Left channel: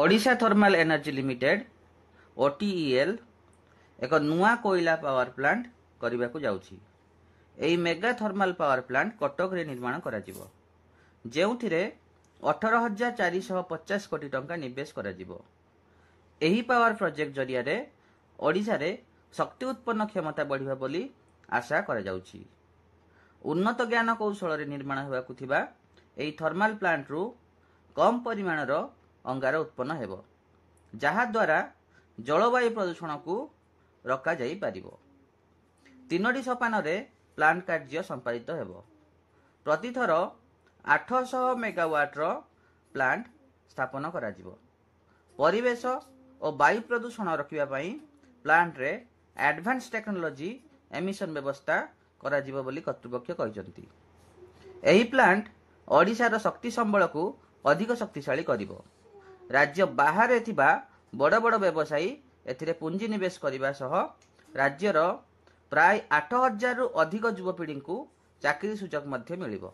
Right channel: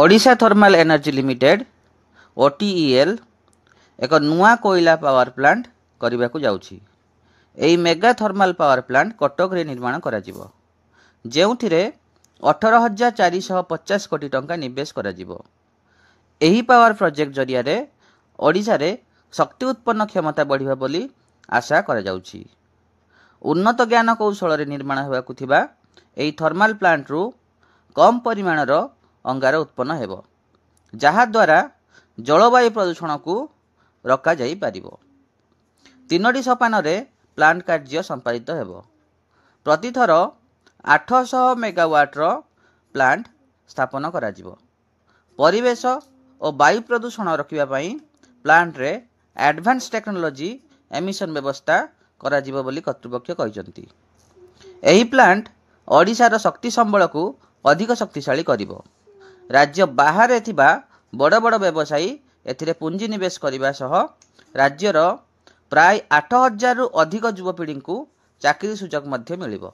Odisha thermal energy limited ओटीईएल एक नुआ कोयला पावर प्लांट करने को जाउछि। एही mega thermal power plant Cuttack रे निर्माण करा जिवो, जेउथिरे 18,450 कोटी टंका निवेश करा जिवो। एही पावर प्रोजेक्ट जरिया रे ओडिशा रे शक्ति उत्पन्न क्षमता बढ़िबा बोली आशा करा जाउछि। उन्नत ज्ञान कौशल रे निर्माण हेबाकु थिबा एही थर्माल प्लांट रु कम परिमाणर अंगार उत्पन्न हेबो, जहा द्वारा जलवायु प्रदूषण को रोका जाई पारिबो। 3टी सोपान रे प्लांट कार्य संपादित हेबो। प्रतिथर 800 मेगावाट रो प्लांट स्थापन करा जिवो। परिवेश और वायु प्रदूषण रोकिबा पई प्लांट रे एडवांस टेक्नोलॉजी एमिशन व्यवस्था करा जिवो बोली कर्तृपक्ष कहिसंती। एही प्लांट ओडिशा रो शक्ति संबल को अधिक शक्तिशाली करिवो। राज्य बाहर थिबा बड़ बड़ व्यवसायी एथिरे पुंजी निवेश करिबा सह राज्यर प्राय 8,000 रु अधिक युवपीढ़ी को चाकरी सुजोग मध्य मिलिबो।